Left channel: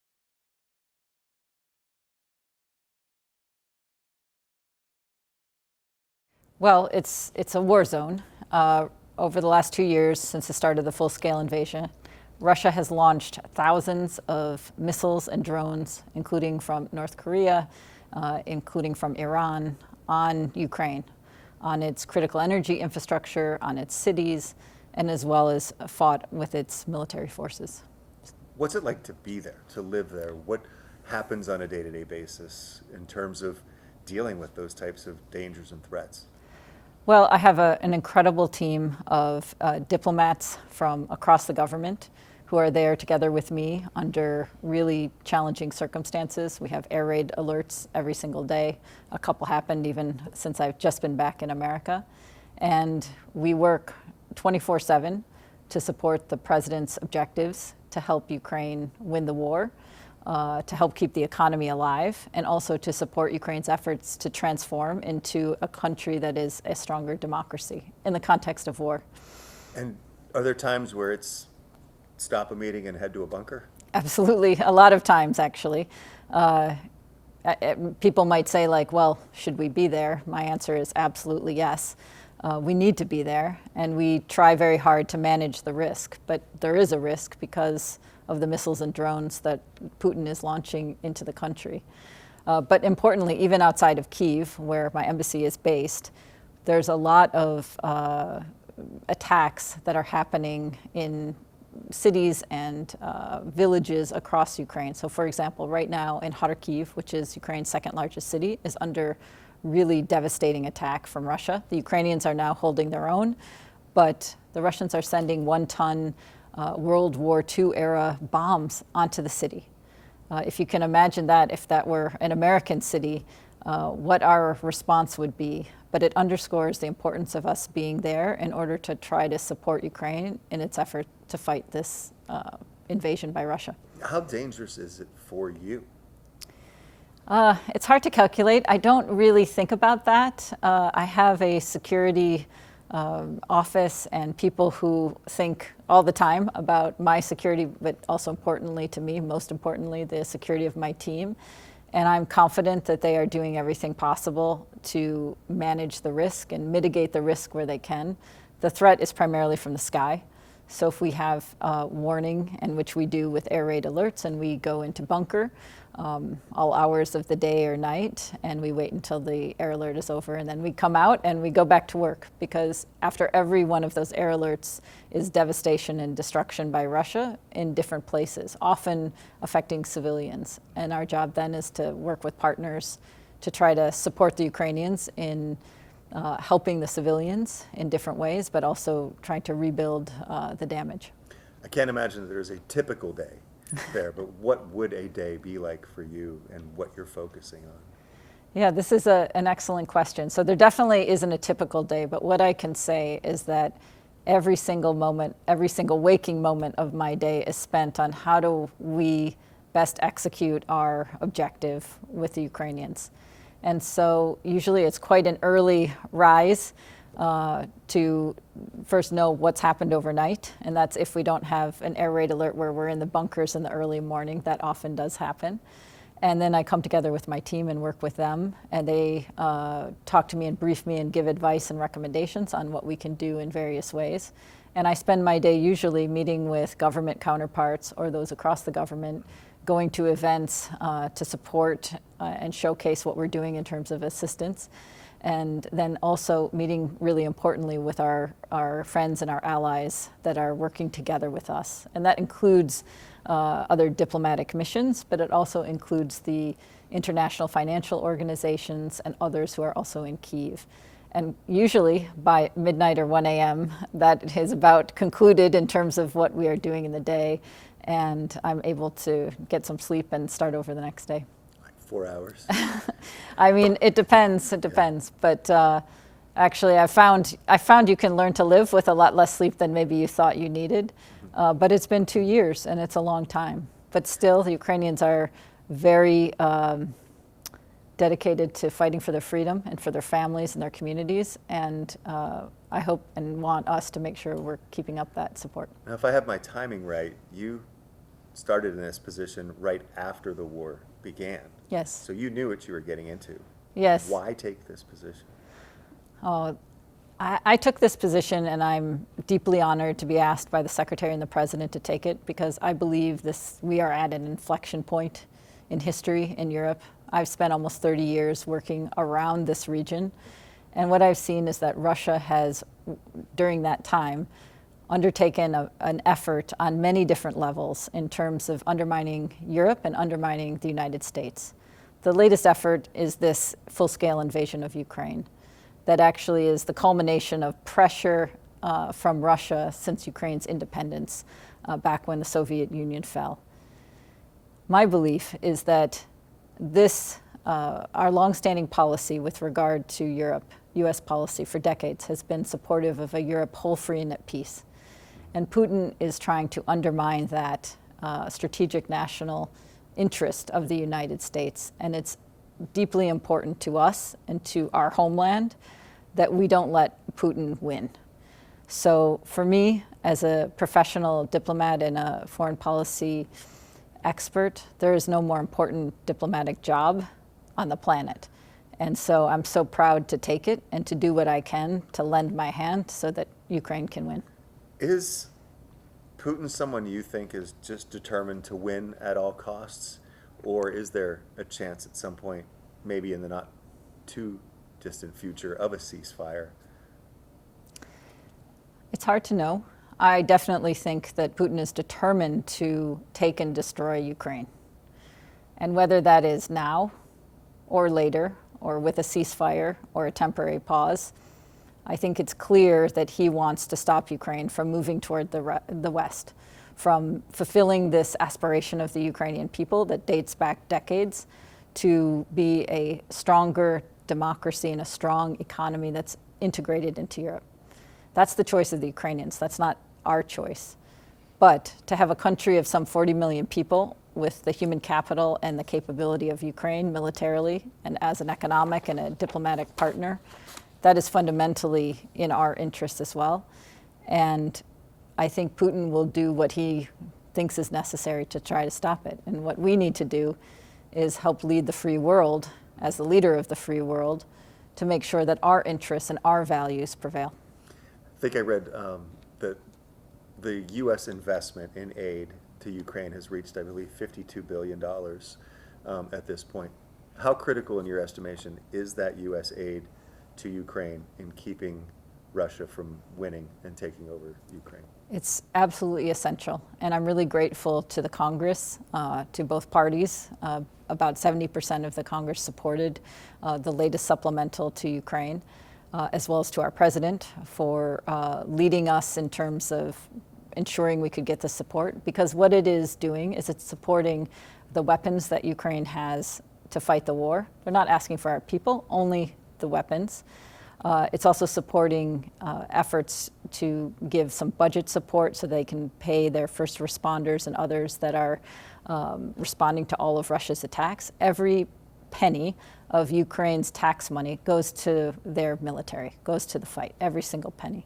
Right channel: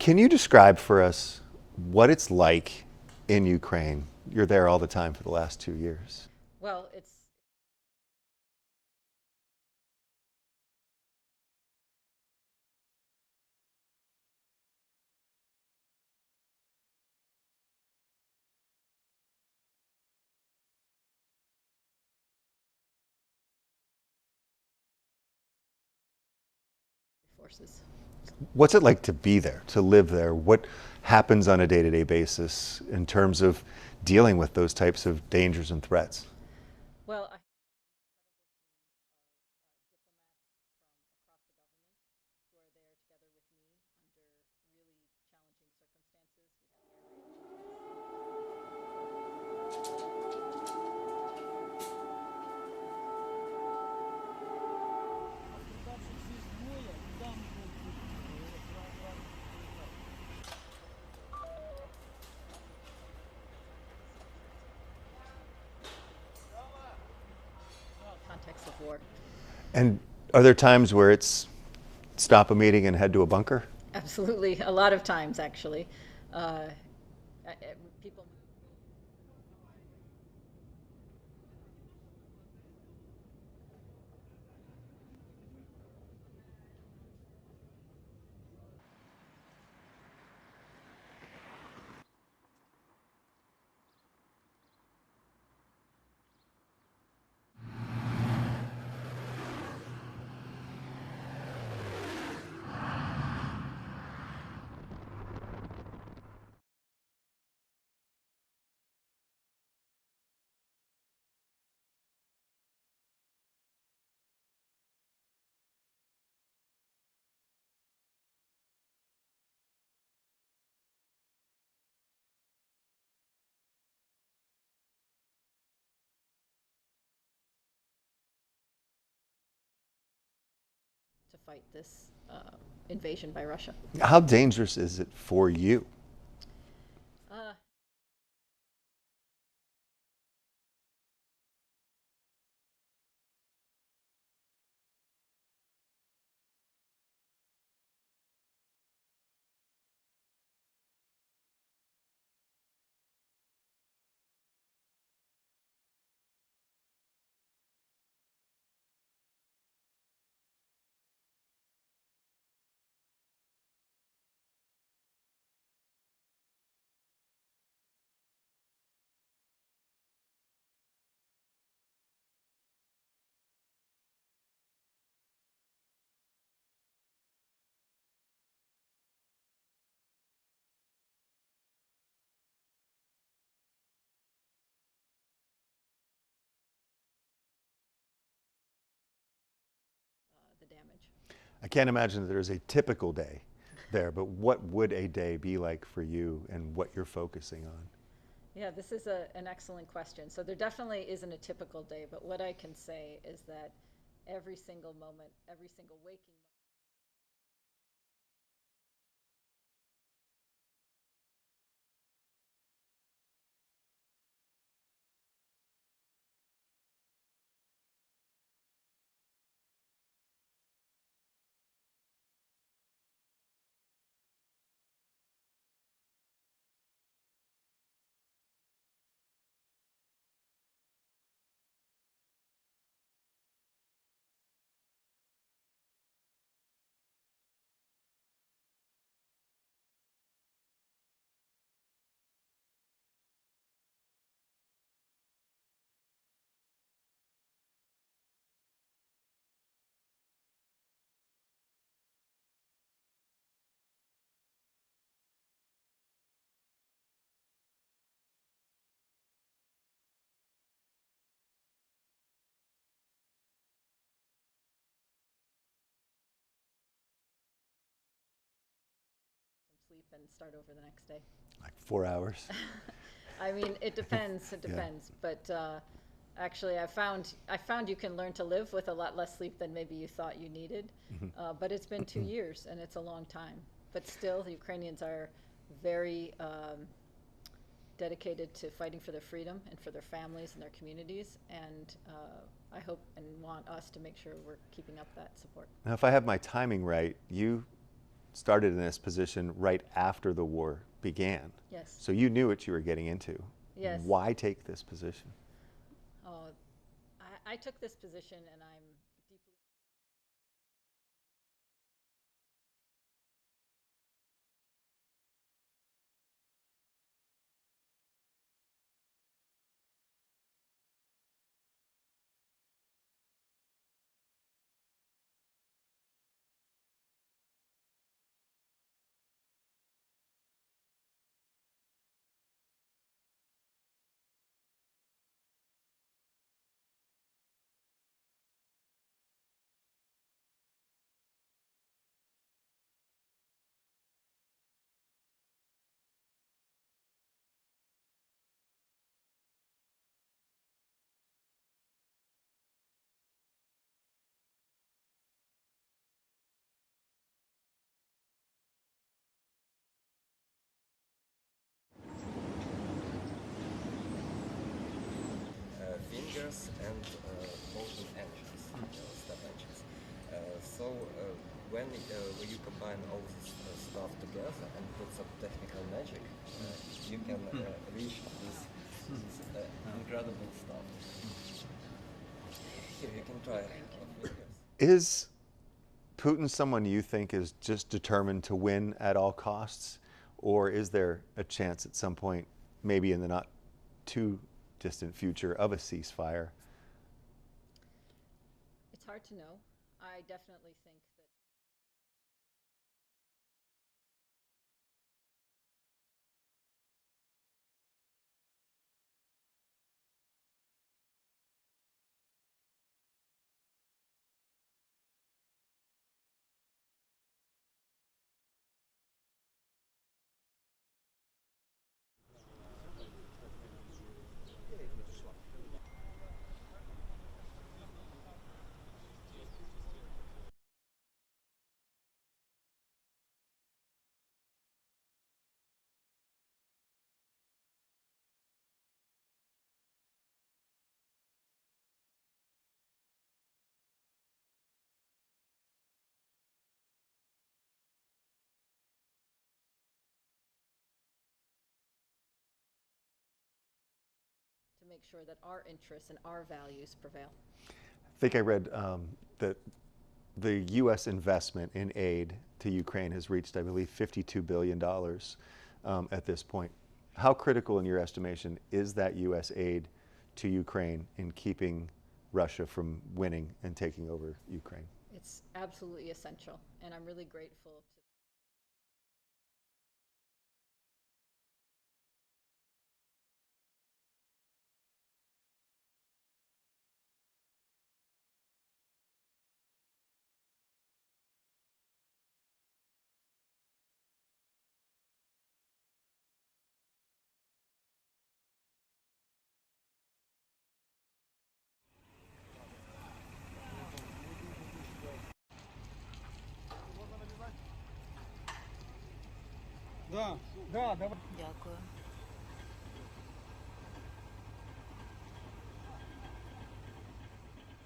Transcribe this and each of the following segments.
Can you describe for us what it's like in Ukraine? You're there all the time for the last 2 years. Well, it's a war zone. Over the last 2 years, since the start of the full-scale invasion, Russia has launched thousands of missiles and drones, including from North Korea, including from Iran, on Ukraine, on its critical energy infrastructure, on its cities, and as well as fought with its military forces. What's it like to be there, to live there? What happens on a day-to-day basis in terms of dealing with those types of dangers and threats? Well, I have an incredible team of diplomats from across the government who are there together with me under really challenging circumstances. We have air raid alerts every single day. A couple happened even since I've just been back in America. And we work 24/7 to support the president's objectives to help Ukraine win the war, to help keep the economy alive, and also to support Ukraine's efforts to transform into a country that is a stronger democracy in the context of war. And are there times where it's stop a meeting and head to a bunker? Absolutely, a lot of times actually. People might say like, well, should we be there? My answer is absolutely yes. We need to be there, and we try very hard to manage the risk, but there is a risk because of the missiles and drones that Putin is launching into the country. But importantly, even outside of Kyiv, where my embassy is based, there's a lot of attacks that are happening in cities and villages across Ukraine. So for example, right now in Kharkiv, which is Ukraine's second largest city, is under really devastating attack from Russia. The Ukrainians are now holding their own, but the Russians are sending 1-ton World War II era bombs onto the city. If you can imagine that, if that were an American city, what our response would be. But it underscores the importance of us being there in order to try to support Ukraine in its effort to fight this invasion by Russia. How dangerous is it for you? It's hard to calculate. I don't really think about that. I have a security office and people who think all the time about my security, but also importantly to me, most importantly, the security of my team. And I'm confident that they are doing everything possible to manage the risk and mitigate the risk where they can. The threat is primarily from the sky. So if we have warning, and which we do with air raid alerts, and we go into bunker all hours of the day or night, and we wait until the air alert is over, and then we come out and we go back to work, because after every one of those air alerts is devastation and destruction by Russia in different places, often affecting civilians. And our job then is to work with partners to try to support the Ukrainians in helping the civilians in different ways, but also trying to rebuild the damage. I can't imagine that there's a typical day there, but what would a day be like for you and what you're focusing on? Yeah, this is an excellent question. So there definitely isn't a typical day, but what I can say is that every single moment, every single waking moment of my day is spent on how do we best execute our objective with the Ukrainians. And so usually it's quite an early rise to first know what's happened overnight. And that's if we don't have an air raid alert where we're in the bunkers in the early morning. That often does happen. And then I come together with my team and work with them. And they talk to me and brief me and give advice and recommendations on what we can do in various ways. And I spend my day usually meeting with government counterparts or those across the government, going to events to support and showcase what we're doing in terms of assistance. And then also meeting really importantly with our friends and our allies that are working together with us. And that includes other diplomatic missions, but it also includes the international financial organizations and others who are also in Kyiv. And usually by midnight or 1 a.m., that is about concluded in terms of what we are doing in the day. And I'm able to get some sleep and start over the next day. 4 hours? I mean, it depends. It depends. Yeah. But actually, I found you can learn to live with a lot less sleep than maybe you thought you needed. But it's been 2 years, and it's a long time. But still, the Ukrainians are very dedicated to fighting for their freedom and for their families and their communities. And I hope and want us to make sure we're keeping up that support. Now, if I have my timing right, you started in this position right after the war began. Yes. So you knew what you were getting into. Yes. Why take this position? Oh, I took this position, and I'm deeply honored to be asked by the Secretary and the President to take it, because I believe we are at an inflection point in history in Europe. I've spent almost 30 years working around this region, and what I've seen is that Russia has, during that time, undertaken an effort on many different levels in terms of undermining Europe and undermining the United States. The latest effort is this full-scale invasion of Ukraine that actually is the culmination of pressure from Russia since Ukraine's independence back when the Soviet Union fell. My belief is that our longstanding policy with regard to Europe, U.S. policy for decades, has been supportive of a Europe whole, free, and at peace. And Putin is trying to undermine that strategic national interest of the United States. And it's deeply important to us and to our homeland that we don't let Putin win. So for me, as a professional diplomat and a foreign policy expert, there is no more important diplomatic job on the planet. And so I'm so proud to take it and to do what I can to lend my hand so that Ukraine can win. Is Putin someone you think is just determined to win at all costs? Or is there a chance at some point, maybe in the not too distant future, of a ceasefire? It's hard to know. I definitely think that Putin is determined to take and destroy Ukraine. And whether that is now or later, or with a ceasefire or a temporary pause, I think it's clear that he wants to stop Ukraine from moving toward the West, from fulfilling this aspiration of the Ukrainian people that dates back decades to be a stronger democracy and a strong economy that's integrated into Europe. That's the choice of the Ukrainians. That's not our choice. But to have a country of some 40 million people with the human capital and the capability of Ukraine militarily and as an economic and a diplomatic partner, that is fundamentally in our interest as well. And I think Putin will do what he thinks is necessary to try to stop it. And what we need to do is help lead the free world, as the leader of the free world, to make sure that our interests and our values prevail. I think I read that the U.S. investment in aid to Ukraine has reached, I believe, $52 billion at this point. How critical, in your estimation, is that U.S. aid to Ukraine in keeping Russia from winning and taking over Ukraine? It's absolutely essential, and I'm really grateful to the Congress, to both parties. About 70% of the Congress supported the latest supplemental to Ukraine, as well as to our president for leading us in terms of ensuring we could get the support, because what it is doing is it's supporting the weapons that Ukraine has to fight the war. They're not asking for our people, only the weapons. It's also supporting efforts to give some budget support so they can pay their first responders and others that are responding to all of Russia's attacks. Every penny of Ukraine's tax money goes to their military, goes to the fight, every single penny.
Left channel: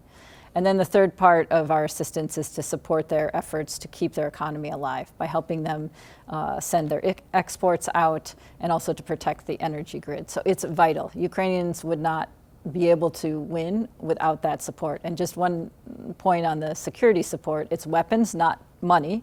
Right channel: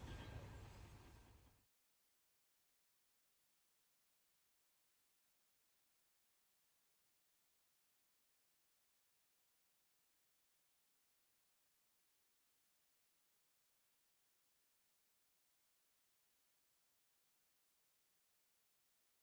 And then the third part of our assistance is to support their efforts to keep their economy alive by helping them send their exports out and also to protect the energy grid. So it's vital. Ukrainians would not be able to win without that support. And just one point on the security support, it's weapons, not money.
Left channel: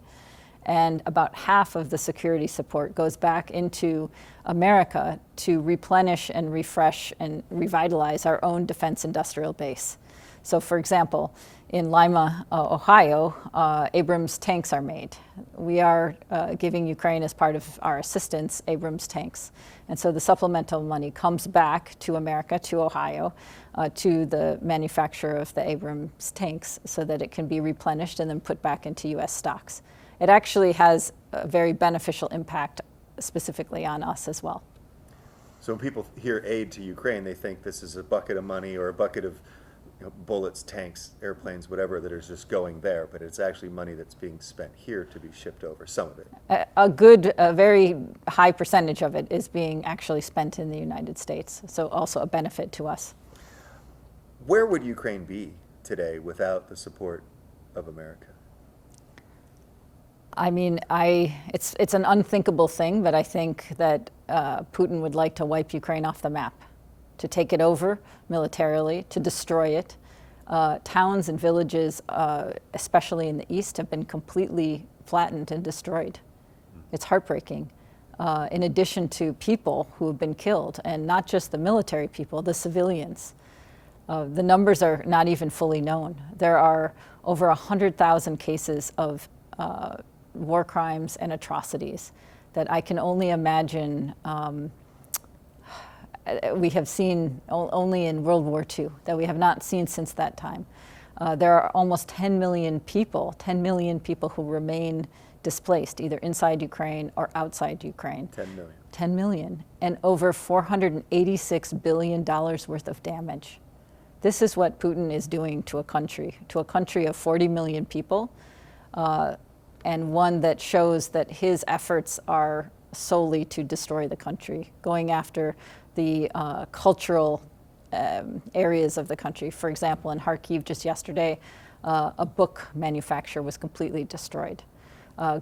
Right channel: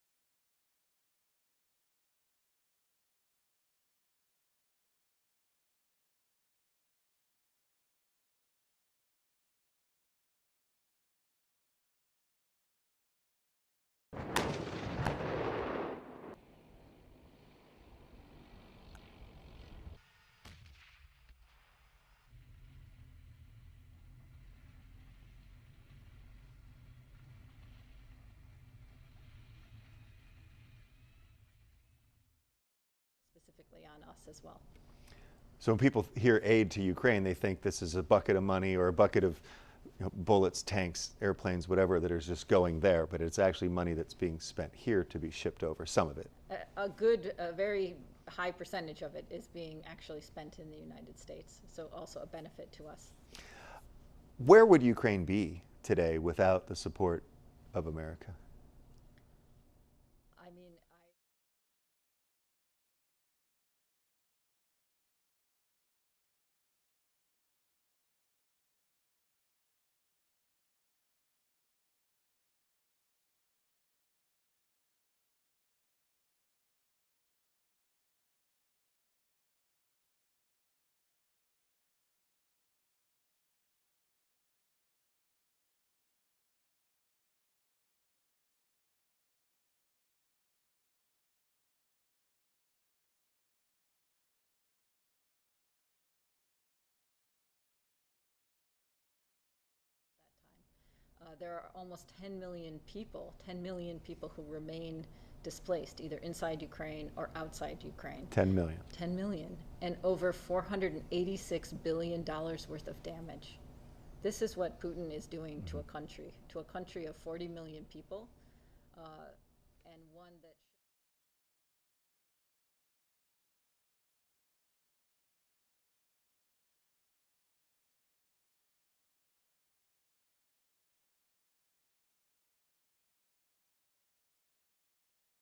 And about half of the security support goes back into America to replenish and refresh and revitalize our own defense industrial base. So for example, in Lima, Ohio, Abrams tanks are made. We are giving Ukraine, as part of our assistance, Abrams tanks. And so the supplemental money comes back to America, to Ohio, to the manufacturer of the Abrams tanks so that it can be replenished and then put back into U.S. stocks. It actually has a very beneficial impact specifically on us as well. So when people hear aid to Ukraine, they think this is a bucket of money or a bucket of bullets, tanks, airplanes, whatever, that is just going there, but it's actually money that's being spent here to be shipped over, some of it. A very high percentage of it is being actually spent in the United States, so also a benefit to us. Where would Ukraine be today without the support of America? I mean, it's an unthinkable thing, but I think that Putin would like to wipe Ukraine off the map, to take it over militarily, to destroy it. Towns and villages, especially in the east, have been completely flattened and destroyed. It's heartbreaking. In addition to people who have been killed, and not just the military people, the civilians. The numbers are not even fully known. There are over 100,000 cases of war crimes and atrocities that I can only imagine we have seen only in World War II, that we have not seen since that time. There are almost 10 million people who remain displaced, either inside Ukraine or outside Ukraine. 10 million. 10 million, and over $486 billion worth of damage. This is what Putin is doing to a country of 40 million people, and one that shows that his efforts are solely to destroy the country, going after the cultural areas of the country. For example, in Kharkiv just yesterday, a book manufacturer was completely destroyed.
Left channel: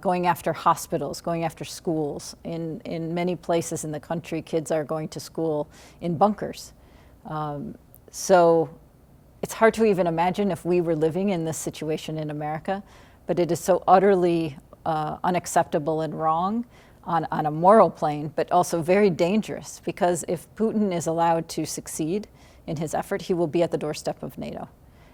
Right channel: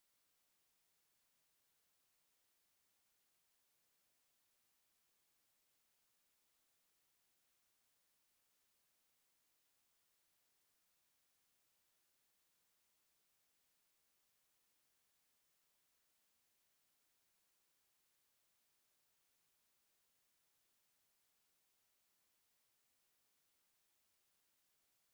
Going after hospitals, going after schools. In many places in the country, kids are going to school in bunkers. So it's hard to even imagine if we were living in this situation in America, but it is so utterly unacceptable and wrong on a moral plane, but also very dangerous, because if Putin is allowed to succeed in his effort, he will be at the doorstep of NATO.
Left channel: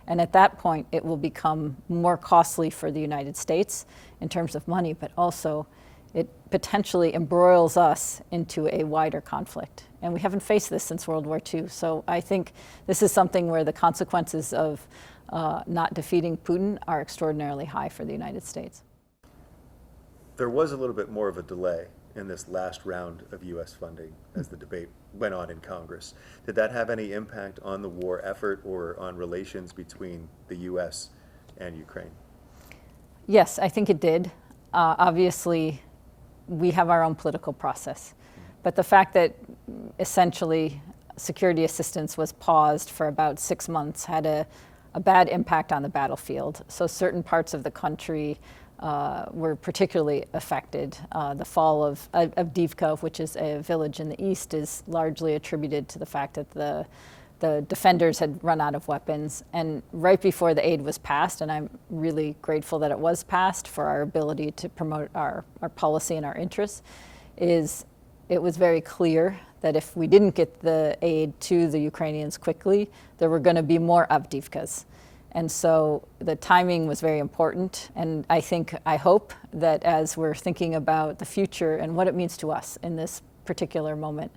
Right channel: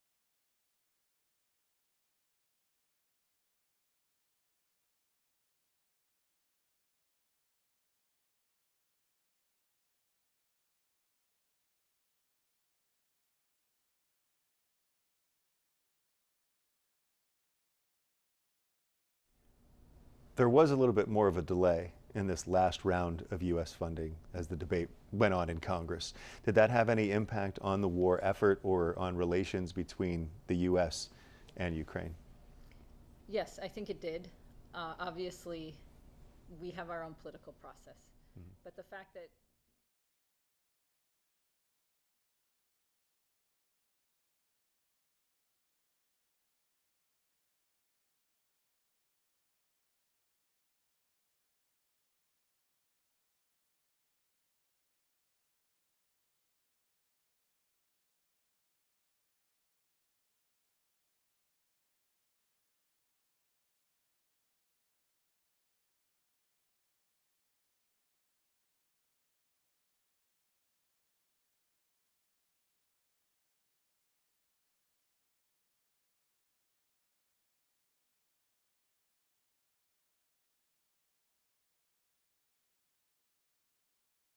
And at that point, it will become more costly for the United States in terms of money, but also it potentially embroils us into a wider conflict. And we haven't faced this since World War II. So I think this is something where the consequences of not defeating Putin are extraordinarily high for the United States. There was a little bit more of a delay in this last round of U.S. funding as the debate went on in Congress. Did that have any impact on the war effort or on relations between the U.S. and Ukraine? Yes, I think it did. Obviously, we have our own political process. But the fact that essentially security assistance was paused for about 6 months had a bad impact on the battlefield. So certain parts of the country were particularly affected. The fall of Avdiivka, which is a village in the east, is largely attributed to the fact that the defenders had run out of weapons. And right before the aid was passed, and I'm really grateful that it was passed for our ability to promote our policy and our interests, it was very clear that if we didn't get the aid to the Ukrainians quickly, there were going to be more Avdiivkas. And so the timing was very important. And I hope that as we're thinking about the future and what it means to us in this particular moment,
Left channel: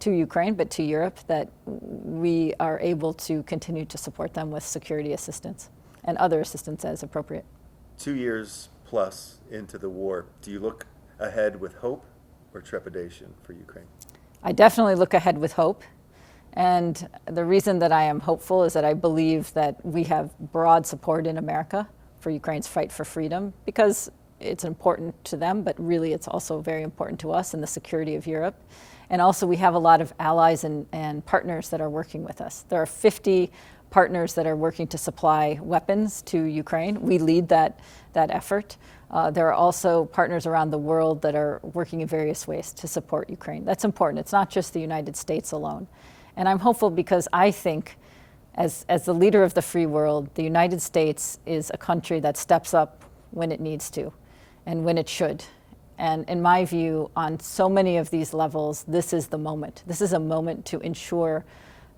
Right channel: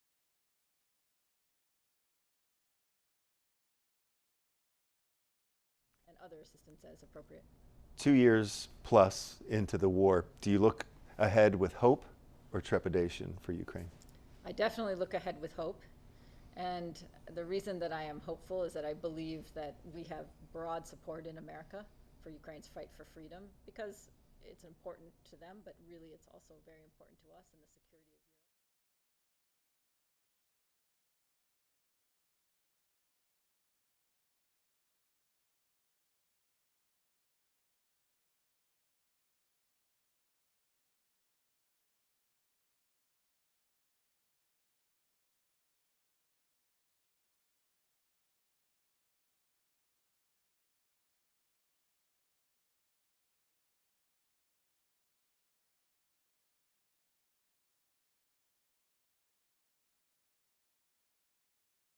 to Ukraine, but to Europe, that we are able to continue to support them with security assistance and other assistance as appropriate. 2 years plus into the war, do you look ahead with hope or trepidation for Ukraine? I definitely look ahead with hope. And the reason that I am hopeful is that I believe that we have broad support in America for Ukraine's fight for freedom, because it's important to them, but really it's also very important to us and the security of Europe. And also we have a lot of allies and partners that are working with us. There are 50 partners that are working to supply weapons to Ukraine. We lead that effort. There are also partners around the world that are working in various ways to support Ukraine. That's important. It's not just the United States alone. And I'm hopeful because I think as the leader of the free world, the United States is a country that steps up when it needs to and when it should. And in my view, on so many of these levels, this is the moment. This is a moment to ensure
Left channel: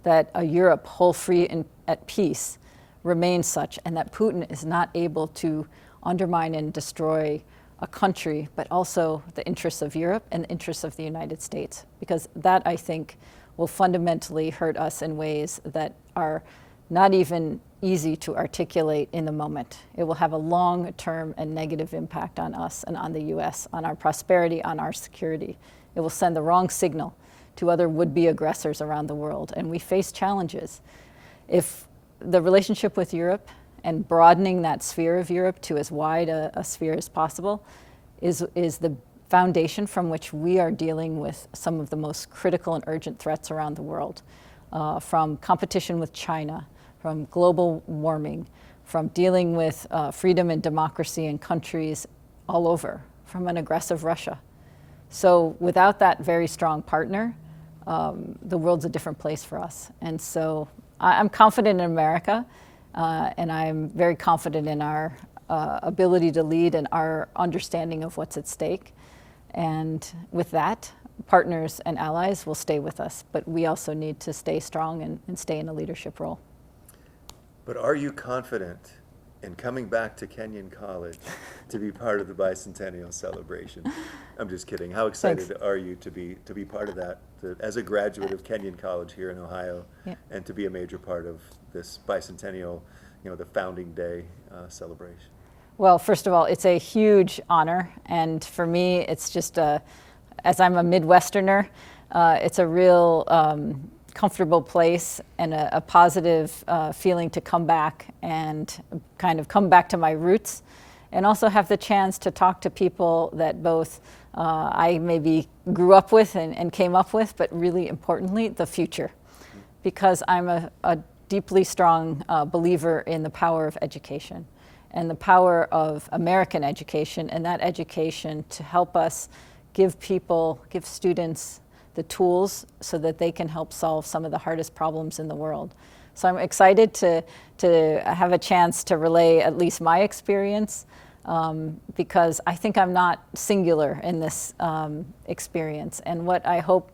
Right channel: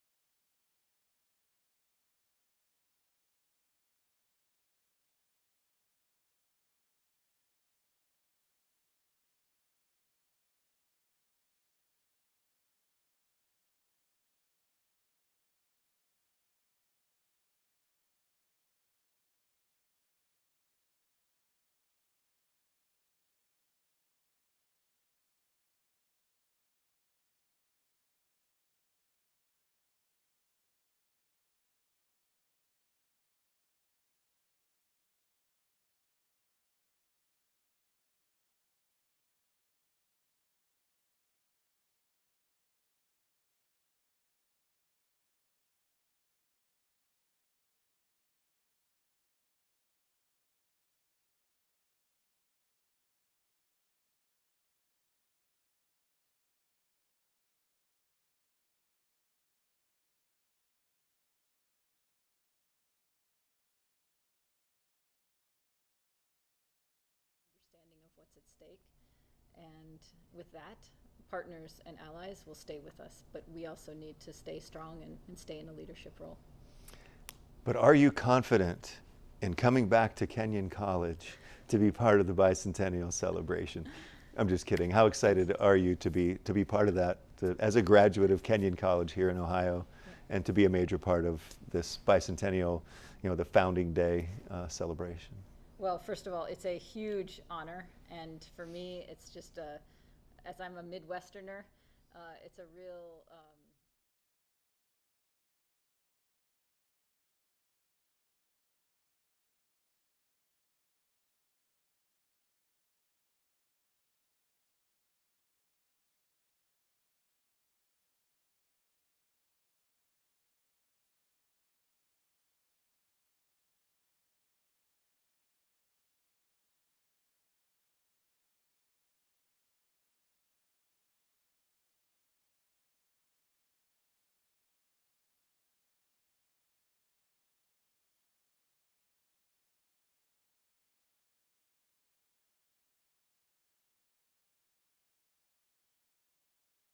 that a Europe whole, free, and at peace remains such, and that Putin is not able to undermine and destroy a country, but also the interests of Europe and the interests of the United States. Because that, I think, will fundamentally hurt us in ways that are not even easy to articulate in the moment. It will have a long-term and negative impact on us and on the U.S., on our prosperity, on our security. It will send the wrong signal to other would-be aggressors around the world, and we face challenges. If the relationship with Europe and broadening that sphere of Europe to as wide a sphere as possible is the foundation from which we are dealing with some of the most critical and urgent threats around the world, from competition with China, from global warming, from dealing with freedom and democracy in countries all over from an aggressive Russia. So without that very strong partner, the world's a different place for us. And so I'm confident in America, and I'm very confident in our ability to lead and our understanding of what's at stake. And with that, partners and allies will stay with us, but we also need to stay strong and stay in a leadership role. But are you confident in coming back to Kenyon College to be part of the bicentennial celebration? I'm just kidding. How excited Thanks. are you to be part of that, as a graduate of Kenyon College here in Ohio, Yeah. and to be a major part of this bicentennial, the founding day celebration? Well, first of all, it's a huge honor, and for me, it's just as I'm a Midwesterner, it's a real comfortable place and a positive feeling to come back and kind of come back to my roots, and also have the chance to talk to people that both I maybe grew up with and came up with, but really importantly, the future. Because I'm a deeply strong believer in the power of education and the power of American education, and that education to help us give students the tools so that they can help solve some of the hardest problems in the world. So I'm excited to have a chance to relay at least my experience, because I think I'm not singular in this experience. And what I hope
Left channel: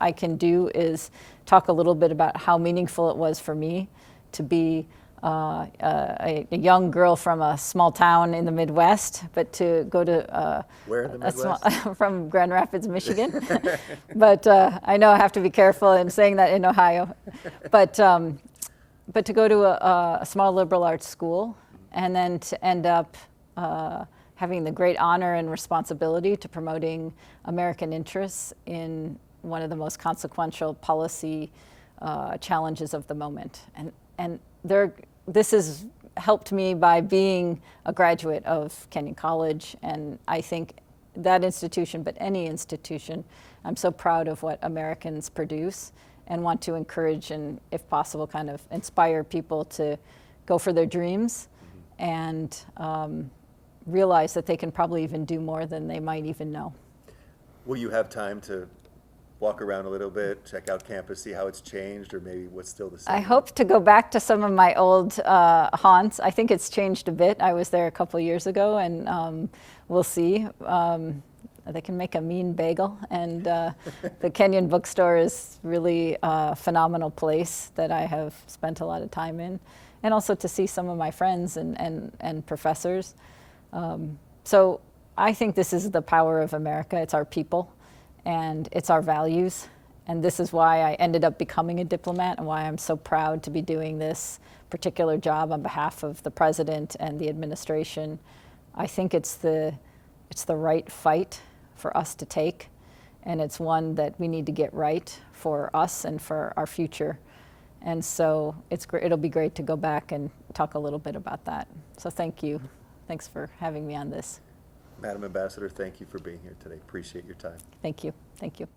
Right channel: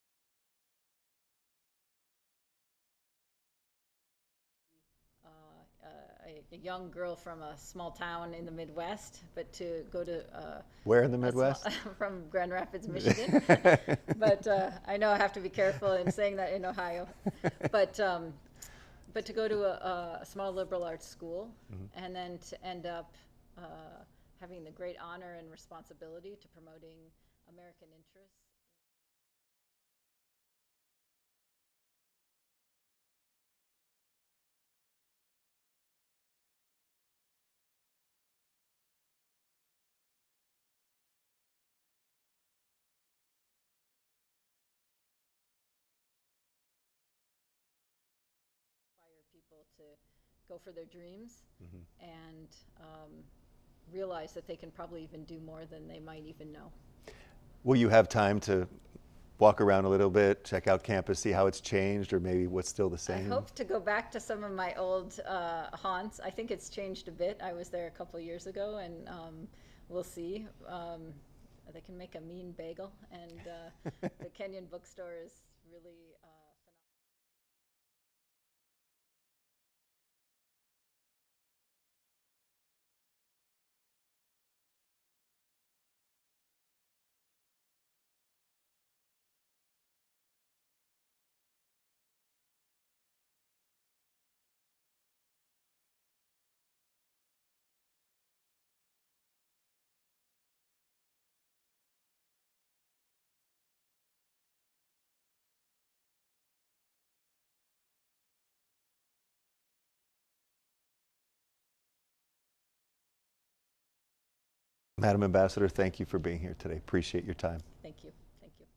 I can do is talk a little bit about how meaningful it was for me to be a young girl from a small town in the Midwest, but to go to Where in the Midwest? From Grand Rapids, Michigan. But I know I have to be careful in saying that in Ohio. But to go to a small liberal arts school, and then to end up having the great honor and responsibility to promoting American interests in one of the most consequential policy challenges of the moment. And this has helped me by being a graduate of Kenyon College, and I think that institution, but any institution, I'm so proud of what Americans produce and want to encourage and, if possible, kind of inspire people to go for their dreams and realize that they can probably even do more than they might even know. Will you have time to walk around a little bit, check out campus, see how it's changed, or maybe what's still the same? I hope to go back to some of my old haunts. I think it's changed a bit. I was there a couple years ago, and we'll see. They can make a mean bagel, and the Kenyon bookstore is really a phenomenal place that I have spent a lot of time in, and also to see some of my friends and professors. So I think this is the power of America. It's our people, and it's our values. And this is why I ended up becoming a diplomat, and why I'm so proud to be doing this particular job on behalf of the president and the administration. I think it's the right fight for us to take, and it's one that we need to get right for us and for our future. And so it'll be great to go back and talk a little bit about that. So thank you. Thanks for having me on this. Madam Ambassador, thank you for being here today. Appreciate your time. Thank you. Thank you.